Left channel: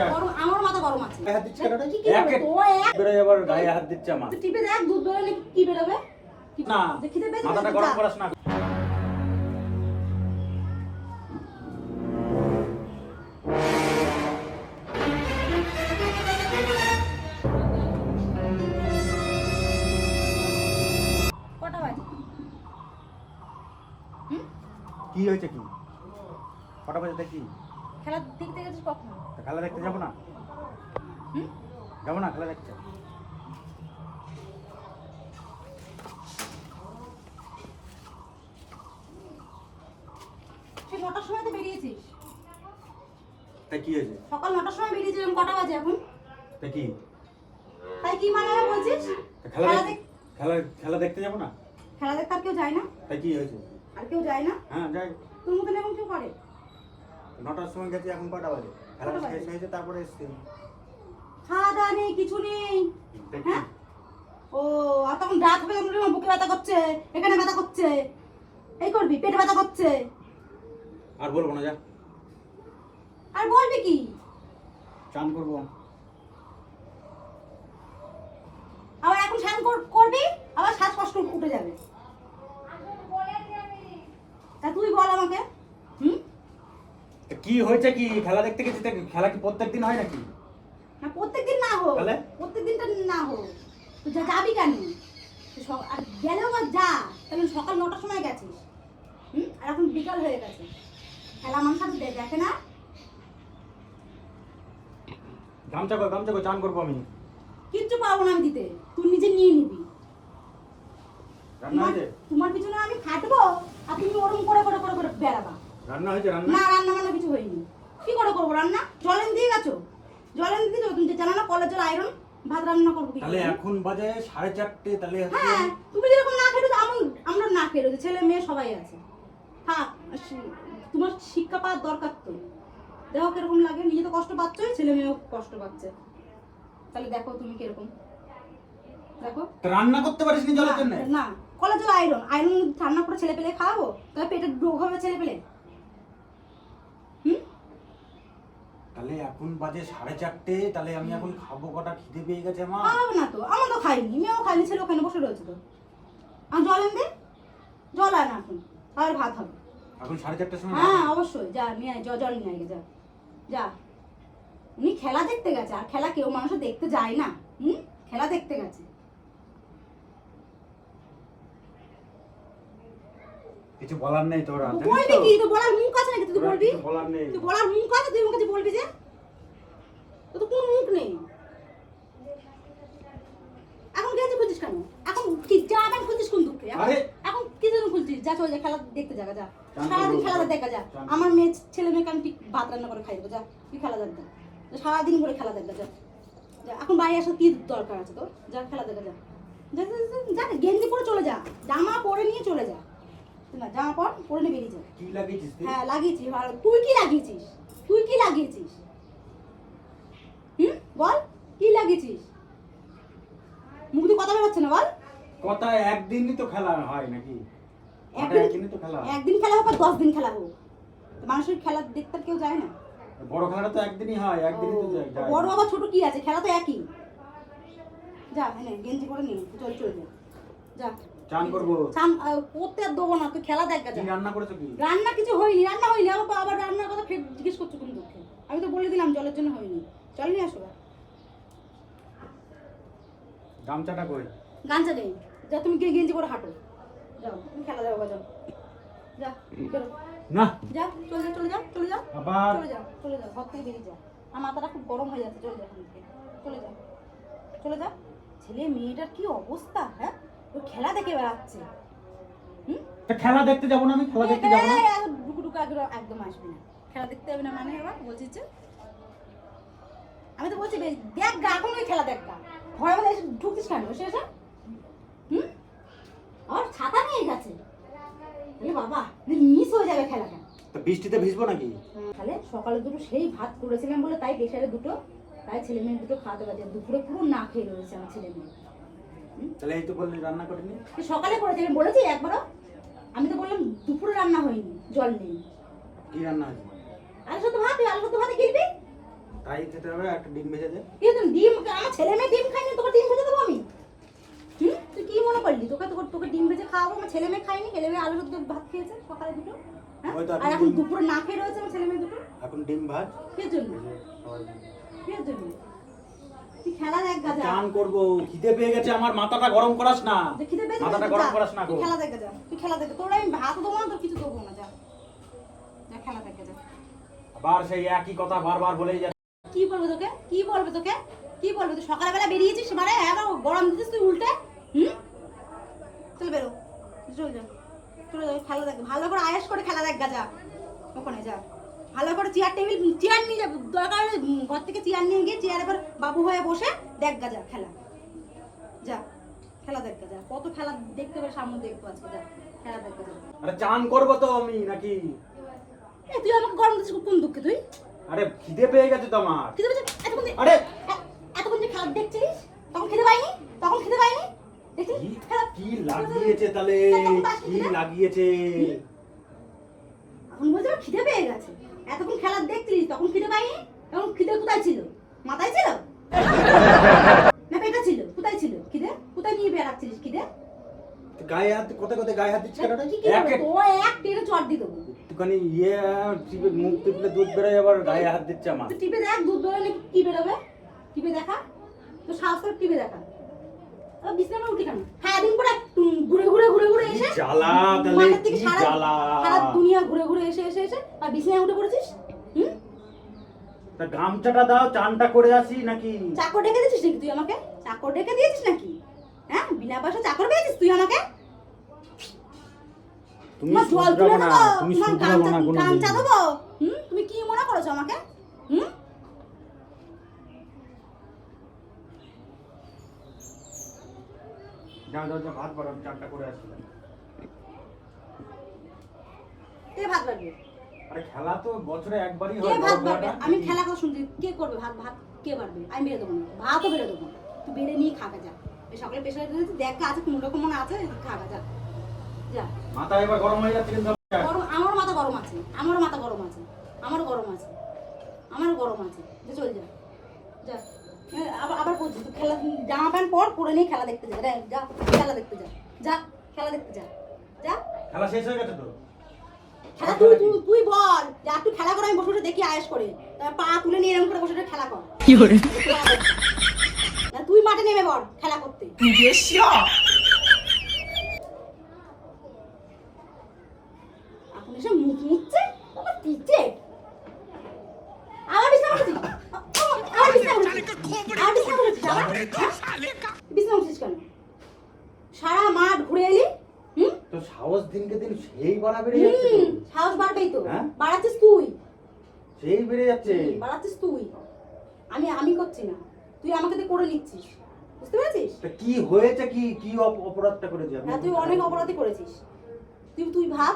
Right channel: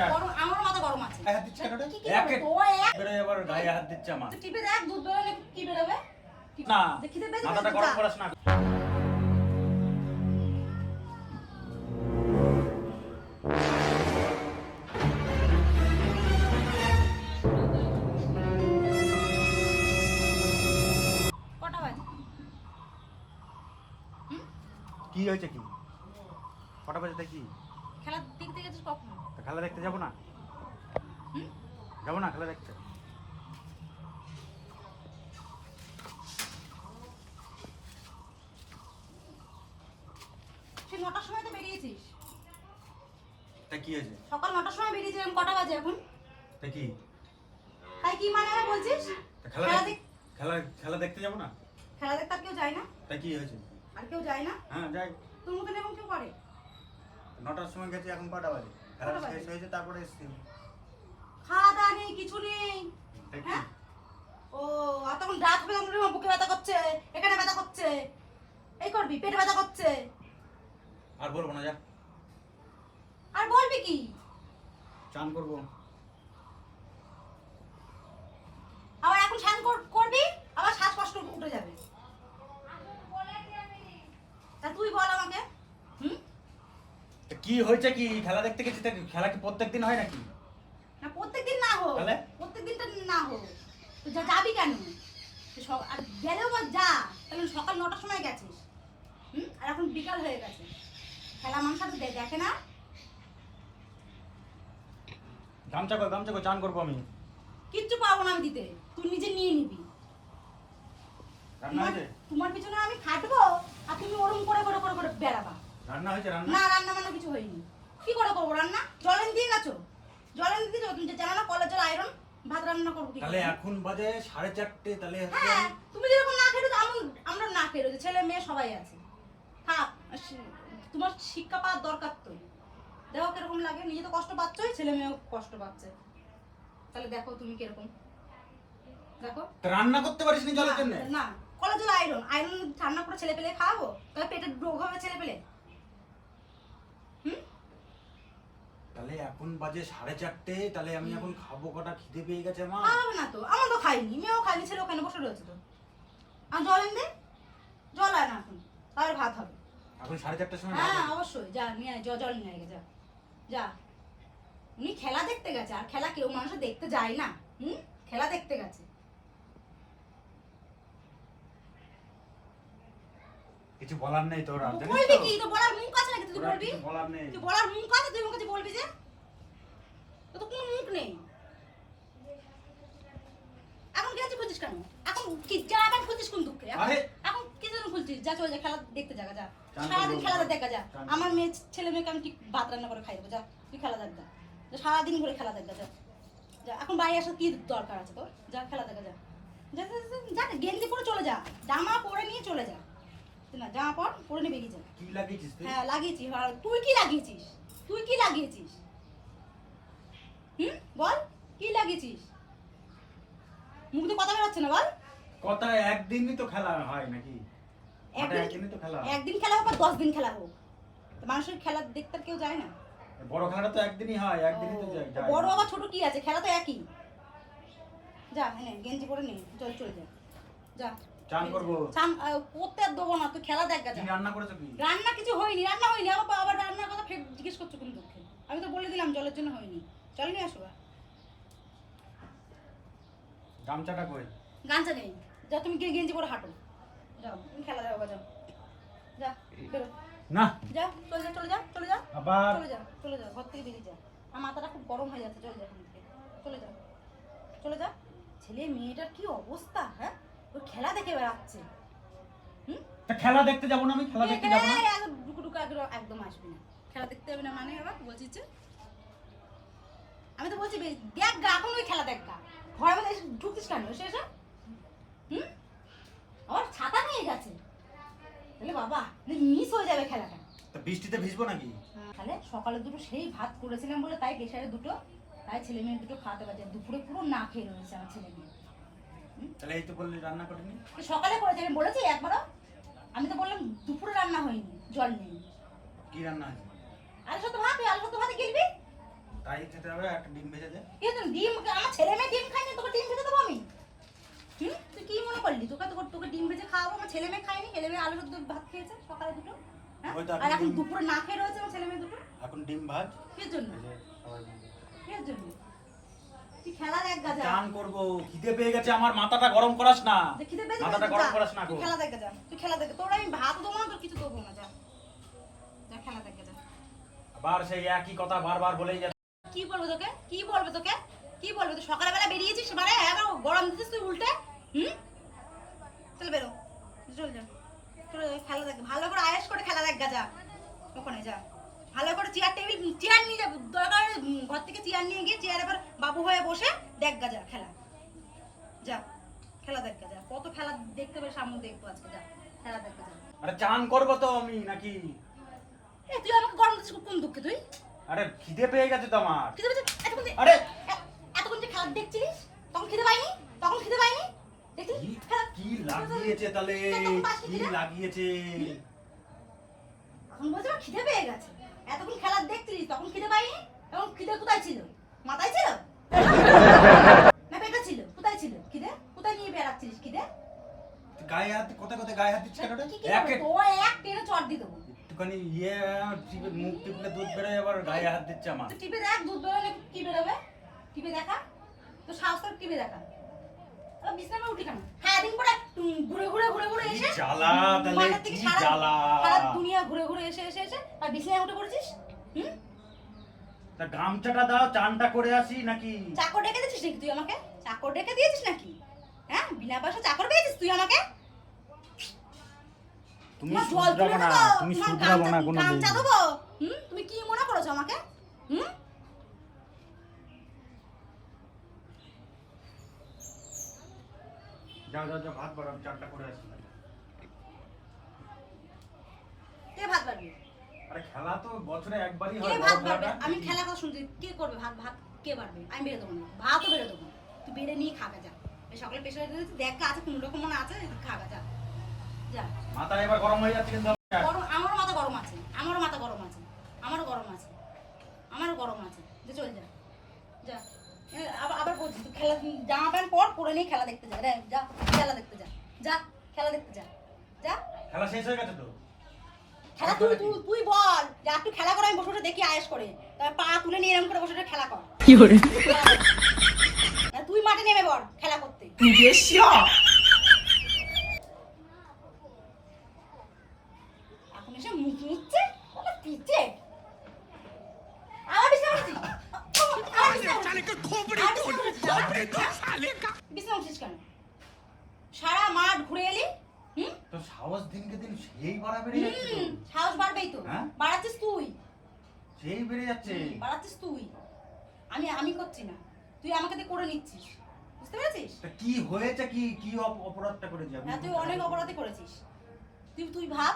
আছে গরম, আমার মাথা গরম আছে। হাত দিচ্ছে কেন? কি করবে তোমার এক বেরোয় আবার গায়ে হাত দিচ্ছে আমার। তুই টিপে দেখ দুধ বেরোলে কি বেরোবে? না, দেখিতে পেয়ে মাথাটা গরম করাস না। কটা বাজে? কি হয়েছে কি? কটা বাজে কি? খেলা দেখতে গেছিস কখন? খেলা দেখতে যাবো না? যাবো না খেলা দেখতে? তুই 9টার সময় তো বেরিয়েছিস। তা কি হয়েছে? সকাল 9টার সময় বেরিয়েছিলাম, কটা বাজে এখন? তা কি? তাই কি মানে আমার বলছিস? তা খেলা দেখতে যাবো না? খেলা দেখতে আর কেউ যায় না? তা কি হয়েছে? আর কেউ যায় না? হ্যাঁ যাই। তোর মতন এখন কেউ করে? 9টার সময় গেছি, এখন কটা বাজে? খেলা কটা বাজে? শেষ হয়েছে তারপরে এসছি। খাওয়া দাওয়া নেই, কিছু নেই। দেখি। হ্যাঁ? ও, আর তখন রাত হবে, তখন বুকে ব্যথা করছে, এখানে ব্যথা করছে, এই করবি, পেটে ব্যথা করছে। আর বলবো না, যা। আর বলবি কি? চান করবো। আবার এখন স্নান করবি, আবার শ্বাসকষ্ট উঠে যাবে। তা তুই বল আমাকে। তা কি হয়েছে কি? খেলা দেখতে গেছি, তা খেলা কি প্রত্যেকদিন হয় নাকি? না, প্রত্যেকদিন না হোক, তাহলে? প্রত্যেকদিনটা না হোক, তুই যাবি কেন? আর গেলেও বা যা, তাহলে সকাল 9টার সময় গেছিস, আর এখন বিকাল হয়ে গেছে, খেলা মানুষ আর দেখে না। গামছা কর, চান করবো আমি। কিচ্ছু পারবো না আমি দিতে, তুই নিজে নিয়ে নিবি। রান্না হয়েছে? তোমার পিছনে আমি খাটবো, আর তুমি ওরম করে করে করে করে বেড়াবা। রান্না হয়েছে? না, রান্না বান্না কিছু হয়নি। কি করে করবো রান্না? জল এনে দিয়ে গেছো? জল এনে দিয়ে তুমি জানো না কলের জল আয়রন, ভাত রান্না করবো কি করে? তাহলে এখন বাজে 4:30, তাহলে হ্যাঁ, তুমি যেরকম না খেলো আমরা না খেলো, ছেলে মেয়ে সবাই আছে। থাক, তোমার শিক্ষা পাওয়ার দরকার তো। দেখো কিরকম লাগে, নিজে তো কষ্ট পাচ্ছ, ছেলে মেয়েও কষ্ট পাচ্ছে, তাহলে দেখো তুমি কিরকম। দেখো রান্না করতে পারিস নি জলের জন্য? না, কলের জল আয়রন রান্না করে ছেলে পেলে খাওয়াবো, তাহলে পেটে রোগ হবে ছেলে পেলে। তাহলে এখন বাজে 4:30, তাহলে আমি এখন খাবো কটা? খিদে পেয়ে গেছে আমার। খাওয়াবে না তো, আমার তো খাইনি, মেয়েও খাইনি, ছেলে ওখানে বসে রয়েছে তো। আর জল এনে দে, জল আয় না এখন, তাহলে ভাত হবে। এখন 4:30টার সময়? হ্যাঁ অবশ্যই, যা নিয়ে আয়, জল নিয়ে আয়, যা যা। উনি খেলা দেখতে গেছে, আর খেলা কেউ মানুষ দেখতে যায় না। খেলা দেখতে গেছে। কিছু বলার নেই তোর? বলবি কি? তো বলার মুখ আছে নাকি? তুই বলবি? বলার নেই। তুই বলার মুখ আছে, তুই মুখ আছে বলবি যে? তো তো কোনো মুখ নেই। এখন গেছে খুঁজিস কেন? এখন কি যা, এখন খুঁজিস কোন দুঃখে? এখন কি জন্য খুঁজছিস? যা চলে যা, খেলা দেখতে যা, যা সারাদিন খেলা দেখা যা। আমার মেয়ে ছেলে মেয়েকে আমি ঠিক ভাত রান্না করে খাই দেবো, যা তুই খেলা দেখ, যা সারাদিন করে খেলা দেখ, যা যা। এখন বাড়ি আসার কি দরকার আছে তোর? যা খেলা দেখা যা, যা গেঞ্জি পরে চলে যা, জামা পরে নিয়ে চলে যা, না জামা পরে নিয়ে বেরিয়ে যা। কি লাগিয়েছিস তুই? হ্যাঁ লাগিয়েছি। আর তুই কি লাগিয়েছিস? বল কি লাগিয়েছিস? মুখ দিয়ে কথা বেরোচ্ছে না, বল। কথা একদিনই তো খেলা হয় নাকি? একদিনই তো খেলা। একদিন খেলা হোক আর 10 দিন খেলা হোক, মানুষের খেলা দেখতে কেউ যায় না। বড় খেলাটা তো একদিনই হয়, একদিনই তো যায়। বড় আবার ছোট কি আছে? খেলা তো একই। যা নে, গেঞ্জি পরে নে, চলে যা, যা চান করবো। চান করতে আর দেবো না, তুই খেলা দেখ। কি রান্না করেছো কি? রান্না কিছু হয়নি, আবার রান্নার কথা ফের জিজ্ঞেস করছো কোন দুঃখে? আমি তো বলে দিলাম জলের জন্য হয়নি। চল নিয়ে আসো। গামছাটা কই? গামছা নেই, যা তুমি গেঞ্জি পরে হাঁটো, যাও তুমি খেলা যাও, যাও যা, বেরো না, যা, চলে যা আবার চলে যা, ঘর থেকে বেরিয়ে যা। আমার মাথাটা খুব গরম হয়ে যাচ্ছে, চলে যা এখান থেকে, চলে যা। ছেলে মেয়েটার কি অবস্থা, হ্যাঁ? ও খেলা দেখে বেড়াচ্ছে। তা খেলা দেখতে যাবো না? আমি খেলা দেখতে যাবো না? ডুকু একদম আসবে না, খেলা দেখতে হবে না মানে আবার বলছিস যে? আমি তো বলছি দেখ গা, এখন ওই খেলা দেখ গা, ঘরের মধ্যে ঢুকিস কেন? শেষ আমার ছাতা নিয়ে গেছে, বাবা মিস হয়ে যাবে খেলাটা। তা বৃষ্টিতে ভিজবো নাকি? তাহলে সকালে দুটো সেই ভাত করেছিলাম বলে, তাই প্রেশারে দুটো, তাই ছেলে মেয়ে দুটো খাওয়াতে পারছে। দুপুরে পুরো না খেয়ে রয়েছে আমার ছেলে মেয়ে। তাহলে এই তো বললি রান্না করিনি? সকালে করেছি, আমি বলেছি একবারও? আমি তো বললাম দুপুরে রান্না হয়নি, জল নেই। কি রান্না হয়েছে? আলু শুধু ভাত, তুই আলু শুধু ভাতে গিলবি? খাই যেতে হবে, একটা ডিম ভেজে দে। কি তুমি ডিম, আমার ছেলে মেয়ে ডিম খায়নি, তোকে ডিম ভেজে দেবো আমি? তুই কি মনে করলি তোকে তোকে তোকে ডিম ভেজে খাওয়াবো? আমার ছেলে মেয়ে খায়নি, ছেলে মেয়ে আলু সেদ্ধ ভাত খেয়েছে সকালে দুটো, হ্যাঁ? ওই তো আর এখন ডিম- দুপুরে না খেয়ে রয়েছে আমার ছেলে মেয়ে দুটো। এখন ডিম ভাজ। কে জন্য? এই যে সবাই মিলে। কে জন্য? তুই খেলা দেখ গাজা। চান করবো, খিদে পেয়ে গেছে আমার, মাথাটা গরম করাস না, খিদে পেয়েছে মাথাটা যা, গরম করাস না তুই গো। খেলা দেখ যা, তুই খেলা দেখ। তোর আমি ভাত দেবো না, তোর কিছু দেবো না, যা যা খেলা দেখ যা। আবার সেই একই কথা বারবার বলেই যাচ্ছে। কি বলবো তোকে, কি বলবে তোকে, কি বলবে? তুই সকালবেলা বেরিয়েছিস মানে আবার গরম দিতেছিস তুই উল্টে। চল বেরো, চল যা, চলে যা, খেলা দেখ ভালো করে, আয়াস করে খেলা দেখ যা ওখানে যা। ভালো করে চেয়ার টেবিল চেয়ার নিয়ে যা, দরকার ঘর থেকে চেয়ার নিয়ে গিয়ে চেয়ারের পর বাবু হয়ে বসে দেখ যা খেলা, যা খেলা দেখ যা। কত খেলা দেখতে পারে সামনে দেখবো আজকে, যা খেলা দেখ যা। আরে চান করবো তো আমি নাকি? এ তুই আমাকে গরম দিচ্ছিস কোন দুঃখে তুই? আরে খিদে পেয়ে গেছে তো আমার। খিদে পেয়েছে? আরে এতক্ষণ যে খেলা দেখছিস তখন খিদে পাইনি? তখন খিদে পাইনি? দেখছিস কি- খেলা কি লাগিয়েছে তাহলে, কি লাগিয়েছে? এখন বলছে আমার খিদে পেয়ে গেছে। এতক্ষণ খেলা দেখছিলিস তখন খিদে পাইনি? তখন খিদে কোথায় ছিল? মাথায় ছিল না পেটে ছিল? কোথায় ছিল খিদে? কোথায় নিয়ে বেড়াচ্ছিলিস খিদে? গায়ে হাত, কোথায় কোথায় গায়ে হাত দিচ্ছিস কেন রে? কি কি করবে? তোমায় এক টেনে চট দিয়ে দেবো। একটুখানি ইয়ে টিপে মুখ টিপলে দুধ বেরোয়, আবার গায়ে হাত দিচ্ছে আমার। তুই টিপে দেখ দুধ বেরোলে কি বেরোবে? টিপে দেখা তো সাহস করে টিপে দেখা। আবার বিছানা উঠি কেন? সারাদিন পরে ঘুরে ঘুরে ঘুরে ঘুরে কি এসে জ্বালা তাহলে, মাঠের থেকে কি সারা জ্বালা। সারা দুনিয়া ঘুরে ঘুরে এসে এসে এসে আর বিছানায় উঠে পড়েছিস। তা গামছাটা দাও, চানটা করে আসি নাকি? চাকর ডেকে দিয়েছিস নাকি তুই আমাকে? চাকর ডেকে দিয়েছিস নাকি? হ্যাঁ, বিনা পয়সা চাকর পেয়েছিস তুই আমাকে? তুমি তোমার জল তুলে শুধরাবো না, দেবো, তুমি তোমার শুধরাবো না কোনো গামছা দেবো। তুমি কি মনে করেছো আমাকে? যাও যাও যাও, ভাত বাড়ো, আমি চানটা করে আসি। কে ভাত বাড়বে? আরে খেলা তো বছরে একবারই কে হয়, ভাত বড় বাড়বে? খেলাটা। আমি খেলা কথা শুনছি, কে করবে ভাত? ভাত কে বাড়বে? আমি বেড়ে দেবো না, ভাতও বেড়ে দেবো না। তুই বেড়ে নিয়ে খাবে যা। এই সকালে পেশায় দেখ আছে কোনো রকম মনে আছে, খাবে যা যা। মাথা এবার গরম হয়ে যাচ্ছে কিন্তু। গরম, আমারও মাথা গরম আছে, আমারও মাথা গরম আছে, আমারও গরম আছে, আমারও গরম আছে। যে চল যা যা। আবার আবার বলছি তুই খেলা, জামা প্যান্ট পর, পরে নিয়ে খেলা দেখতে যা রে, যা খেলা দেখতে যা, যা খেলা দেখতে যা যা। খেলা শেষ হয়ে গেছে তো? খেলা তুই তুই তুই বল যে একটু খেলা করে, আমি বসে বসে দেখি আয়েস করে, তারপর পা তুলে নিয়ে এরকম করে বসে বসে খেলা কর। কি করে? তুই মাঠে নেমে পড় খেলা করতে। এখন এসে মুখ মুছছে, আবার পিছে আবার বিছানা করছিস? আবার বিছানা করছিস কেন? সারা মাঠ ঘুরে এলি। তো সাহস দিনকে দিন সেই বাড়া বেড়ে যাচ্ছে তো। সাহস বাড়বেই তো। হ্যাঁ? বাড়াচ্ছিস তুই, সেই বেড়ে যাচ্ছে। বাড়াচ্ছিস তুই। আমি করছি না, তুই আমাকে দিয়ে করে নিচ্ছিস, বুঝতে পেরেছিস? তা কি হয়েছে, কি কি অপরাধটা করেছি আমি? হ্যাঁ, তুই অনেক অপরাধী করেছিস। তুই ভাব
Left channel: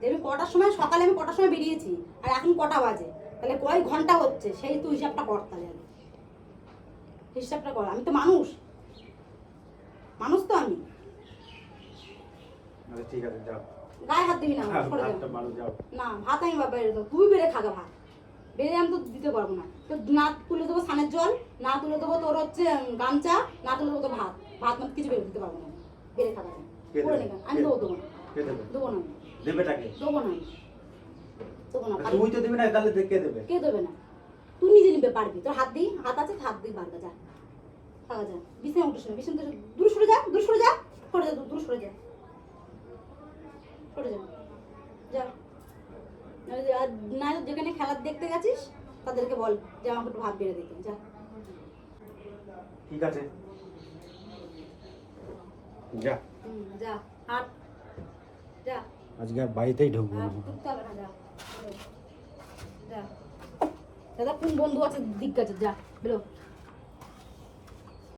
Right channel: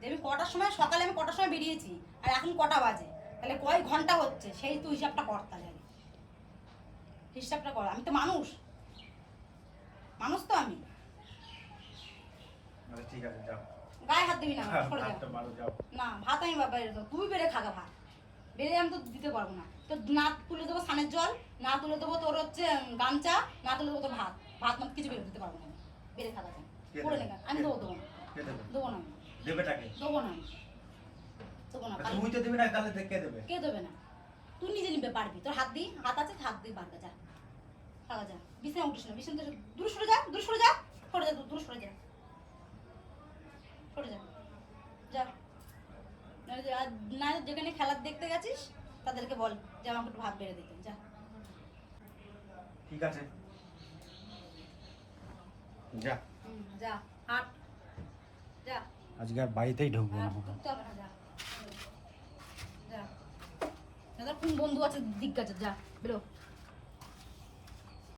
যে আমি কটার সময়, সকালে আমি কটার সময় বেরিয়েছি আর এখন কটা বাজে, তাহলে কয় ঘন্টা হচ্ছে, সেই তুই হিসাবটা কর। তাহলে হিসাবটা কর। আমি তো মানুষ, মানুষ তো আমি। আরে ঠিক আছে, যাও। গায়ে হাত দিবি না আমার, সরে যা। ভাতটা বাড়ো, যাও। না, ভাত আমি বেড়ে দেবো, তুই বেড়ে খাগা ভাত। বেড়ে আমি তো দিতে পারবো না। তো না তুলে দেবো স্নানের জল, না তুলে দেবো তোর হচ্ছে গামছা, না তুলে দেবো তোর ভাত। ভাত মত কিছু বেড়ে দিতে পারবো না। বেড়ে খাগা যায় কে করে দেবে? নে, আমি দেবো দেবো না, কে দেবে? দেবো না আমি, দেবেটাকে? দেবো না আমি, দেবো না। তুই তো দিবি না, তাহলে কে দেবে? কে দেবে না? তুই নিজে নিবে পারবি, তোর হাত দিই, হাত আছে, হাত দিই বারগা যা খাগা যা। বিছানায় উঠিস না, বিছানা থেকে দূরে সরে যা, দূরে সরে যা, সরে যা, দূরে সরে যা, সরে যা যা। না যেখানে খেলা দেখতে গেছিস তাদেরকে বল যে আমাকে একটু ভাত বেড়ে দিতে, যা। ঠিক আছে, যা। যা হাট, যা আজকে আর বাড়িতেই ঢুকবো না। হাট, ঢুকতে হবে না, যা যা। দাদা কোন বন্ধু আছে দিক গেছে, যা বেরো।